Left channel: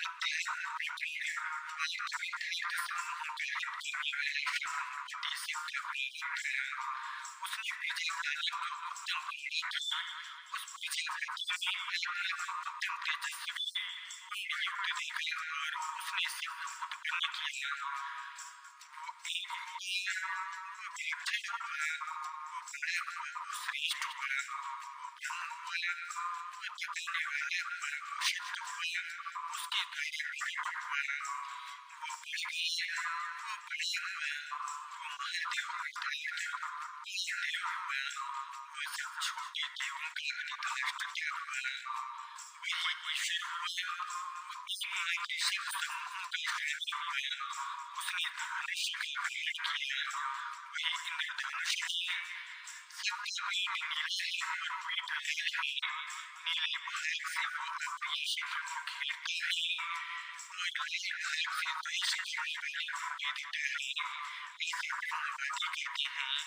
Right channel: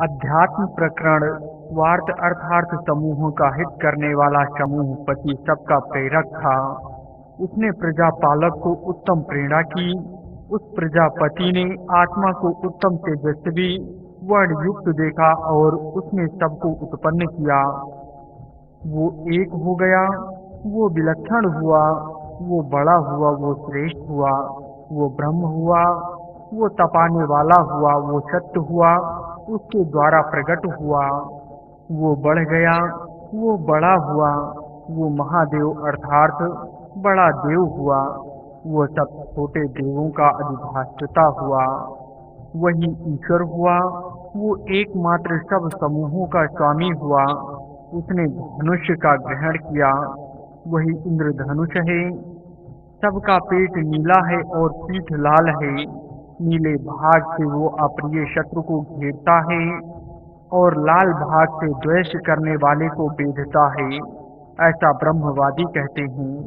अध्यात्म प्रकरण वार्त अर्थार्थ समूहों का हित करने वाला समूह पति सबका प्रेरक था। उसने प्रजापालक को उत्तम प्रेरणा की। उस प्रजापति ने आत्मा को उत्तम तेजस्वी वर्ण युक्त देखा और उसने सबको उत्पन्न किया। वो एक हो गया, वो विलक्षण हुआ, वो बड़ा हुआ, वो श्रेष्ठ हुआ, वो ब्रह्म हुआ, वो तपाने वाला हुआ, वो सत्य हुआ, उसके द्वारा प्रकट हुआ। वो बढ़ गया, वो बड़ा हुआ, वो महादेव अर्थात बड़ा देव हुआ। वो सब छोटे देवों का अधिष्ठाता हुआ। वही ईश्वर हुआ। वो एकमात्र सब समूहों का स्वामी हुआ। उसने धनुष का ग्रहण किया। वही इंद्रधनुष है। सबका पेट नीला है और पीठ लाल है। नीले भाग से वो अप्रिय शत्रु को घेरता है और लाल भाग से द्वेष करने वाले को बेधता है, ऐसा ब्रह्मवादी कहते हैं।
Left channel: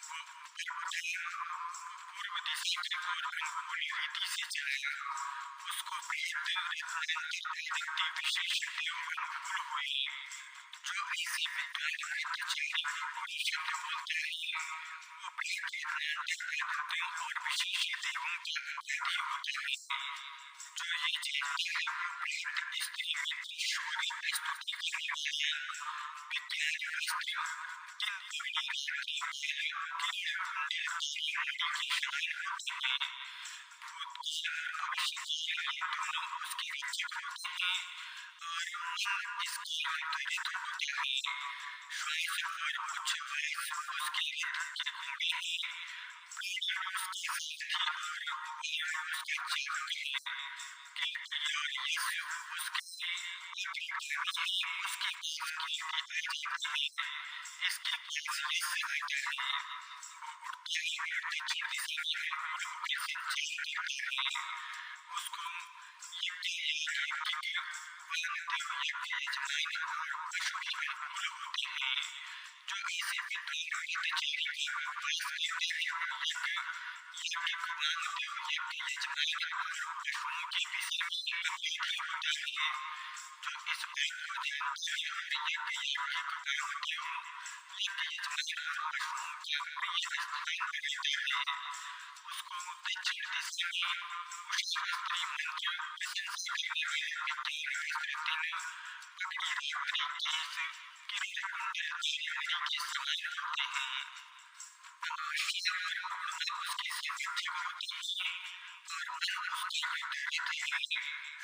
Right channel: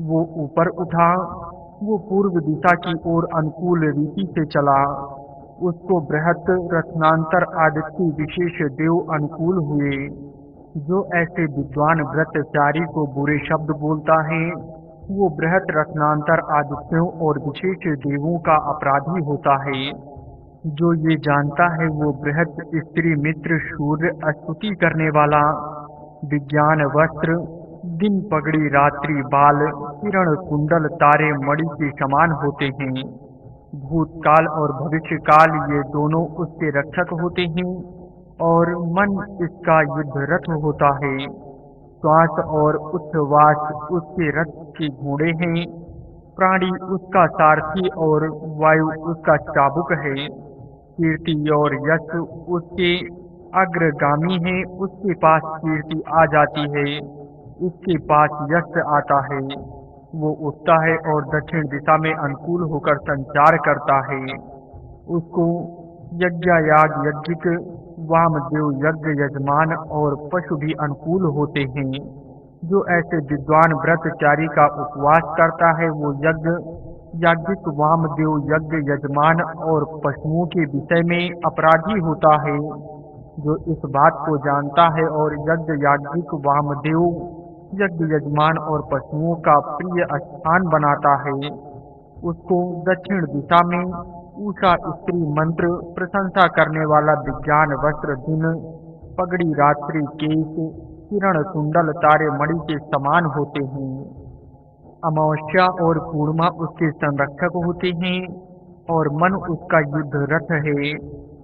वो ऊपर उठा, वो पूर्व दिशा की ओर अनुकूल रीति से चला। उसको बृहत रत्नांतर आदित्य विशेष देव अनुकूल हुए। जो ऐसे विद्वान व्रतचारी को बुरे शब्द बोलता है, वो बृहत रत्नांतर आदित्यों और विशेष देवों का अपराधी होता है। जो ये जानता है वो बृहत स्त्री मित्र सूर्य स्तुति करने वाला, विज्ञान वस्त्र दिन पगड़ी रात्रि बाल किरण कुंडल तारे मणि के समान होते हैं। भूतकाल और भविष्यकाल ये दोनों उसके रक्षक होते हैं और मन इसका युद्ध रथ होता है। श्वास और उच्छ्वास उसके रथ के घोड़े हैं। प्राणी उसका सारथी और वायु उसका चाबुक है। कीर्ति और यश उसके अग्रगामी है। उसके पास कीर्ति आ जाती है, इसके पास यश आता है। वो उठता है और दक्षिण दिशा में अनुकूल होकर संचार करता है। उसको यज्ञ याग यज्ञिक वामदेव यज्ञ यजमान और पशु भी अनुकूल होते हैं। जो ऐसे विद्वान व्रतचारी का उपवास करता है वो यज्ञ याज्ञिक वामदेव यज्ञ यजमान और पशुओं के विषय में अपराधी होता है। जो इस बात को जानता है और यज्ञ याज्ञिक वामदेव यज्ञ यजमान और पशुओं का प्रिय स्थान बनाता है, उसको दक्षिण दिशा में उषा स्त्री मंत्र प्रशंसा करने वाला विज्ञान वस्त्र दिन पगड़ी रात्रि केश किरण कुंडल तारे मणि के समान होते हैं। अमावस्या और पूर्णिमा उसके संरक्षक होते हैं और मन उसका युद्ध रथ है।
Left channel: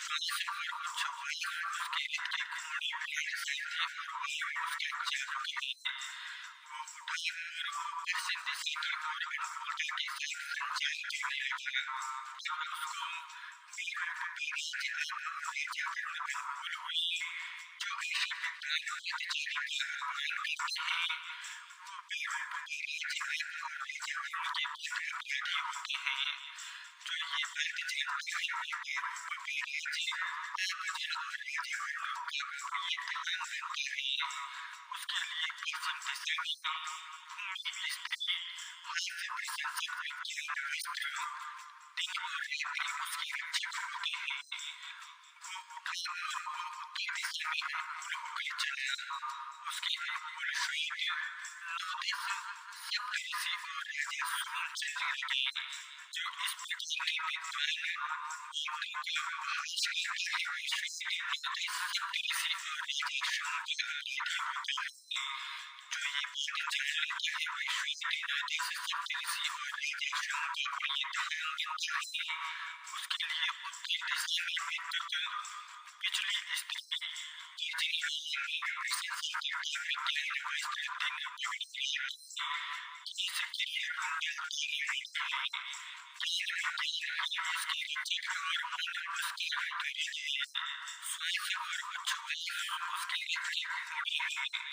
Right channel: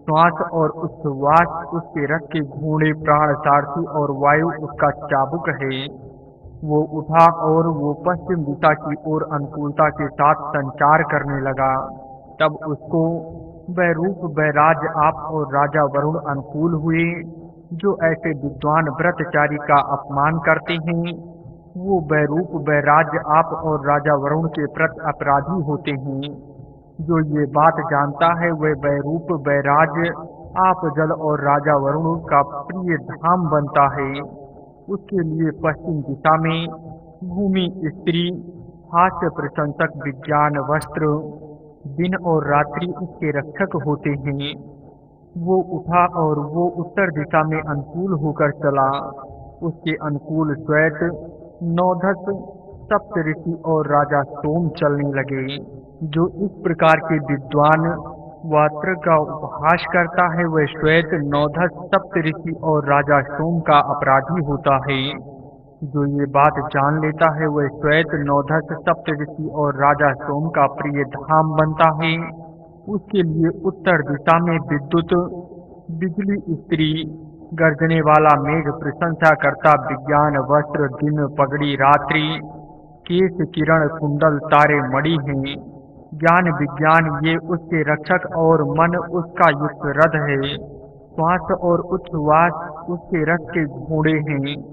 श्वास और उच्छ्वास उसके रथ के घोड़े प्राण सारथी और वायु उसका चाबुक है। वो उठा और वो पश्चिम दिशा की ओर अनुकूलता के साथ संचार करने लगा। तब उसको वैरूप वैराज आप और राजा वरुण अनुकूल हुए। जो ऐसे विद्वान व्रतचारी का अपमान करते हैं वो वैरूप वैराज आप और राजा वरुण के प्रति अपराधी होते हैं। जो ये बात जानता है वह वैरूप वैराज आप जल और राजा वरुण का प्रिय धाम बनता है। उसके लिए पश्चिम दिशा में भूमि स्त्री हास्य प्रशंसक विज्ञान वस्त्र दिन और रात्रि उसके रक्षक होते हैं। वो उठा और वो उत्तर दिशा में अनुकूल होकर चला। उसके अनुकूल श्वेत नौधस सप्तऋषि और राजा सोम चलने लगे। जो इस प्रकार के विद्वान वात्र का उपहास करता है वह श्वेत नौधस सप्तऋषि और राजा सोम का अपराधी होता है। जो ये बात जान लेता है वह श्वेत नौधस सप्तऋषि और राजा सोम का प्रिय धाम बनता है। उसके लिए उत्तर दिशा में विद्युत बिजली स्त्री गर्जने वाला मेघ प्रशंसा करता विज्ञान वस्त्र दिन पगड़ी रात्रि केश किरण कुंडल तारे मणि हैं। ज्ञान विज्ञान ये उसके रक्षक और मन उसका युद्ध रथ है। श्वास और उच्छ्वास उसके रथ के घोड़े हैं।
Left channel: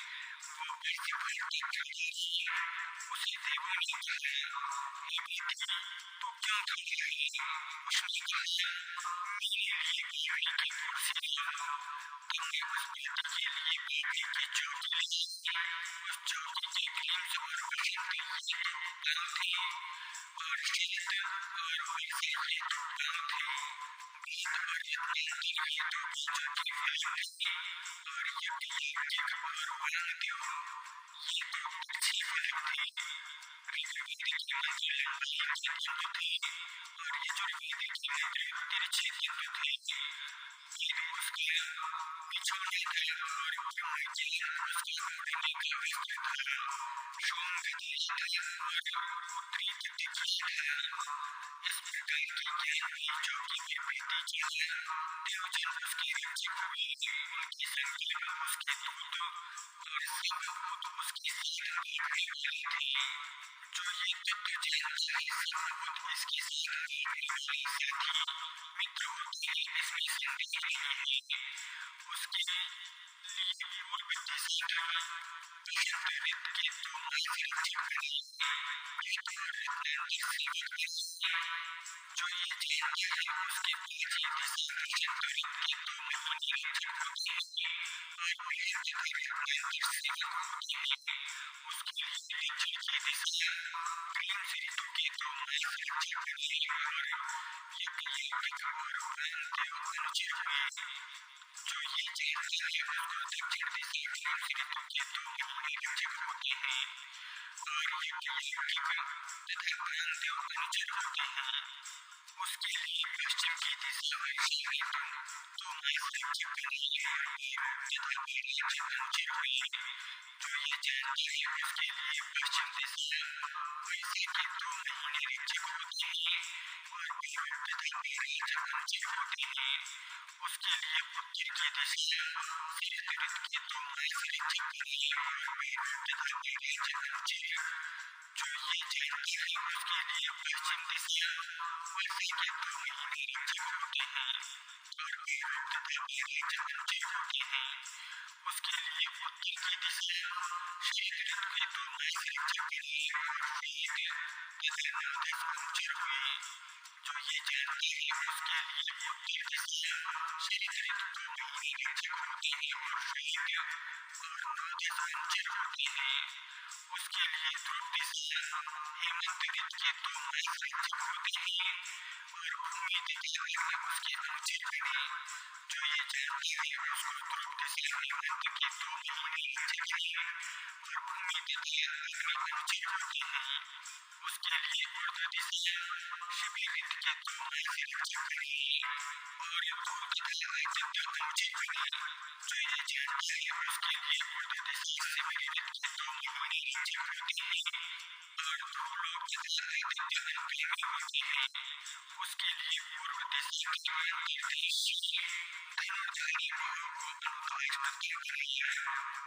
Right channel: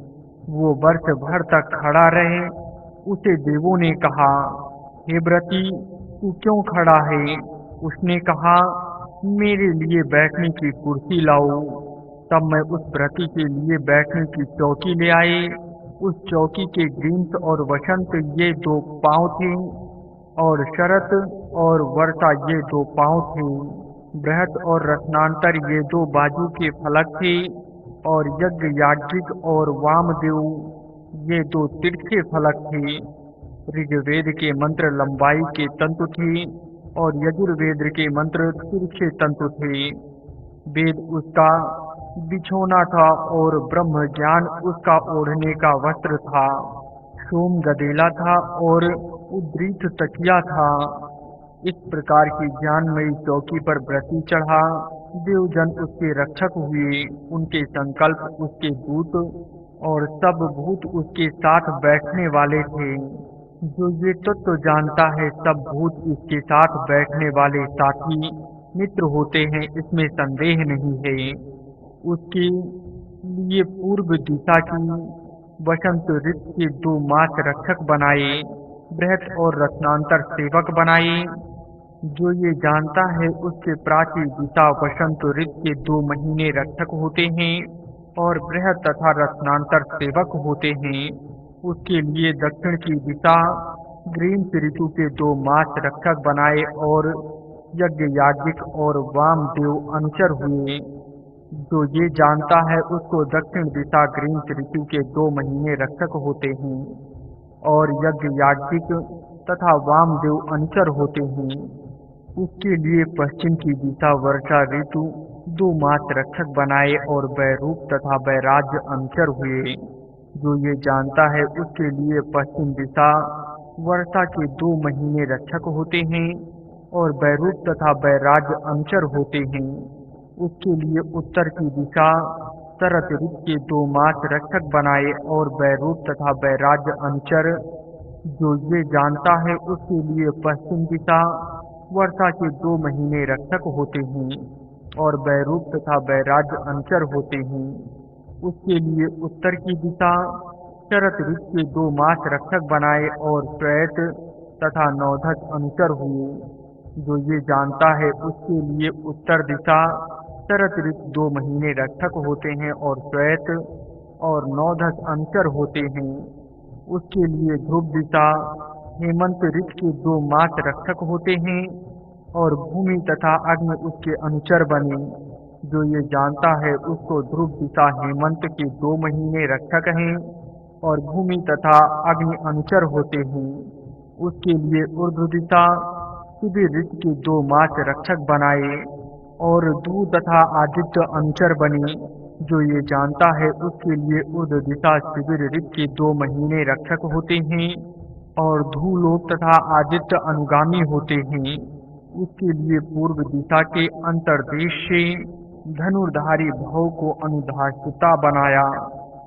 वो वर्ष भर तक खड़ा रहे। उसे देवों ने कहा, हे व्रती तू क्यों खड़ा है? उसने कहा, मेरे लिए बैठने की कुर्सी लाओ। तब मैं उस व्रती के लिए बैठने की चौकी ले आए। उस चौकी के ग्रीष्म और वसंत ये दो पांव थे और शरत और वर्षा ये दो पांव थे। बृहत और रत्नांतर ये दो बाजू के फलक थे, और यज्ञ याज्ञिक और वामदेव ये दो तिरछे फलक थे। ऋग्वेद के मंत्र लंबाई के तंतु थे और यजुर्वेद के मंत्र तिरछे तंतु थे। वेद उसका बिछोना था और ब्रह्म ज्ञान उसका ओढ़ने का वस्त्र था। सोम गदेला था और उद्रीत तकिया था। इस प्रकार की ज्ञानमयी चौकी पर व्रती चढ़ा। देवजन उसके रक्षक हुए, उनके संकल्प उसके दूत और सब भूत उसके साथ बैठने वाले थे। जो ये तत्व जानता है, सब भूत इसके साथ बैठने वाले साथी मित्र होते हैं, इसमें संदेह नहीं है। उसके लिए पूर्व दिशा की वसंत ऋतु के 2 मास रक्षक बनाए, बृहत और रत्नांतर सेवक बनाए। जो ये जानता है, उसके प्राची दिशा वसंत ऋतु के 2 महीने रक्षक होते हैं और बृहत तथा रत्नांतर सेवक होते हैं। उसके लिए दक्षिण की दिशा ग्रीष्म ऋतु के 2 मास रक्षक बनाए और यज्ञ याज्ञिक और वामदेव अनुचर हुए। जो ये जानता है, उसको दक्षिण दिशा ग्रीष्म ऋतु के 2 महीने रक्षक होते हैं और यज्ञ याज्ञिक तथा वामदेव अनुचर होते हैं। उसके लिए पश्चिम की दिशा वर्षा ऋतु 2 मास रक्षक बनाए और वैरूप तथा वैराज्य अनुचर हुए। जो ये जानता है, उसके लिए पश्चिम दिशा वर्षा के 2 महीने रक्षक होते हैं और वैरूप तथा वैराज्य अनुचर होते हैं। उसके लिए उत्तर की दिशा शरत ऋतु के 2 मास रक्षक बनाए और वैरूप तथा वैराज्य अनुचर। जो ये जानता है, उसके लिए पश्चिम दिशा वर्षा के 2 महीने रक्षक होते हैं और वैरूप तथा वैराज्य अनुचर होते हैं। उसके लिए उत्तर की दिशा शरत ऋतु के 2 मास रक्षक बनाए और श्वेत तथा नौधस अनुचर हुए। जो ये जानता है, उसके लिए उत्तर दिशा शरत ऋतु 2 महीने रक्षक होते हैं और श्वेत और नौधस अनुचर होते हैं। उसके लिए ध्रुव दिशा हेमंत ऋतु के 2 मास रक्षक होते हैं और भूमि तथा अग्नि उसके अनुचर बने। जो ये जानता है, उसको ध्रुव दिशा हेमंत के 2 महीने रक्षक हैं और भूमि तथा अग्नि अनुचर होते हैं। उसके लिए ऊर्ध्व दिशा शिविर ऋतु के 2 मास रक्षक बनाए और धू तथा आदित्य अनुचर बने। जो ये जानता है, उसके लिए ऊर्ध्व दिशा शिविर ऋतु के 2 महीने रक्षक होते हैं और धूलोक तथा आदित्य अनुगामी होते हैं। उसके लिए पूर्व दिशा के अंतर्देश से धनुर्धारी भव को अनुधाष्टता बनाया।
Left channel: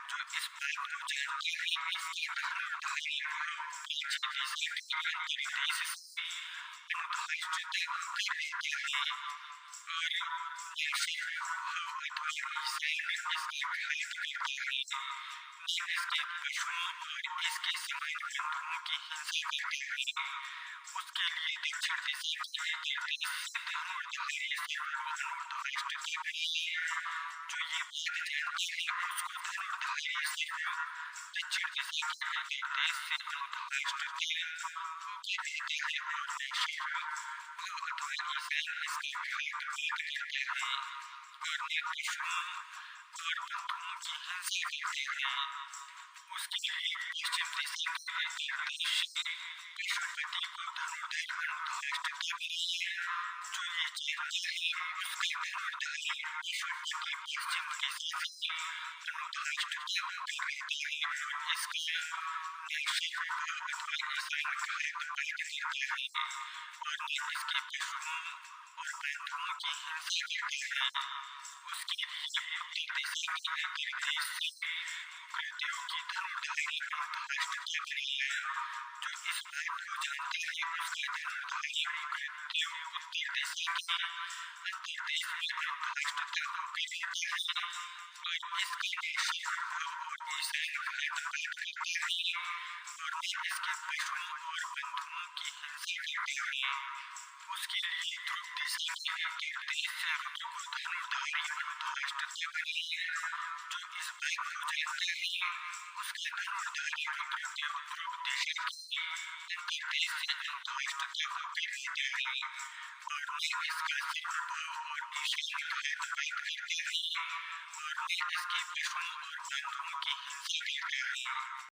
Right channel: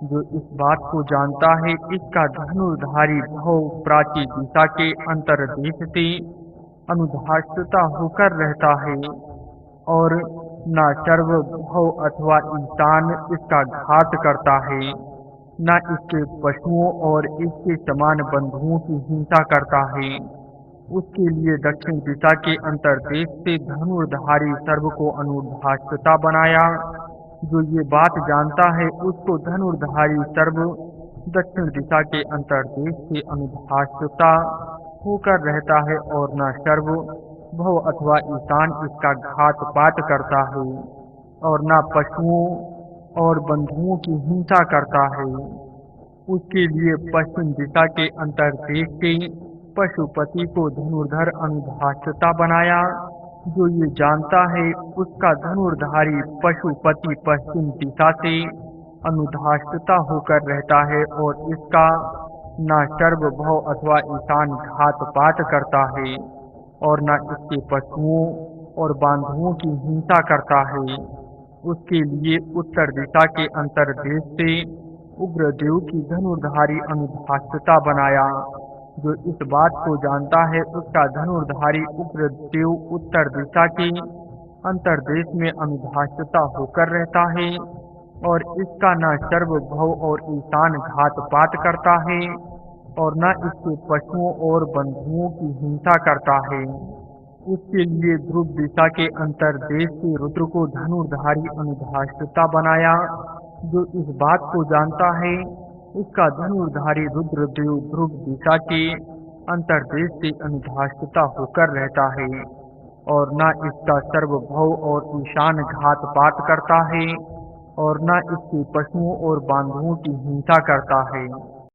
जो इस बात को जानता है, इसका धनुर्धारी भव प्राची दिशा के अंतर्देश से अनुधाष्टता होकर रहता है और न सर्व भव अथवा ईशान इसका घात करता है, न इसके पशुओं और इसके समान बंधुओं की हिंसा करता है। उसके लिए दक्षिण दिशा के अंतर्देश से धनुर्धारी सर्व को अनुधाष्टता बनाया। जो ये बात जानता है, उसको धनुर्धारी सर्व दक्षिण दिशा के अंतर्देश से अनुधाष्टता होकर रहता है और न सर्व भव अथवा ईशान इसका घात पात करता है और न पशुओं और बंधुओं की हिंसा करता है। उसके लिए पश्चिम दिशा के अंतर्देश से पशुपति को धनुर्धर अनुधाष्टता बनाया। जो ये जानता है, उसका धनुर्धारी पशुपति पश्चिम दिशा से अनुधाष्टता होकर रहता है और इसका न सर्व भव अथवा ईशान घात पात करता है और न इसके पशुओं और बांधुओं की हिंसा करता है। उसके लिए उत्तर दिशा के अंतर्देश से उग्रदेव की धनुर्धारी अनुधाष्टता बनाया। जो इस बात को जानता है, उसका धनुर्धारी उग्रदेव उत्तर दिशा के अंतर्देश में अनुधाष्टता होकर रहता है और इसका न सर्व भव और ईशान घात पात करता है और न इसके पशुओं और बंधुओं की हिंसा करता है। उसके लिए ध्रुव दिशा के अंतर्देश से रुद्र को धनुर्धारी अनुधाष्टता बनाया। जो इस बात को जानता है, उसका धनुर्धारी रुद्रदेव ध्रुव दिशा के अंतर्देश से अनुधाष्टता होकर रहता है और न इसका सर्वभव और ईशान घात पात करता है, और न इसके पशुओं और बांधुओं की हिंसा करता है।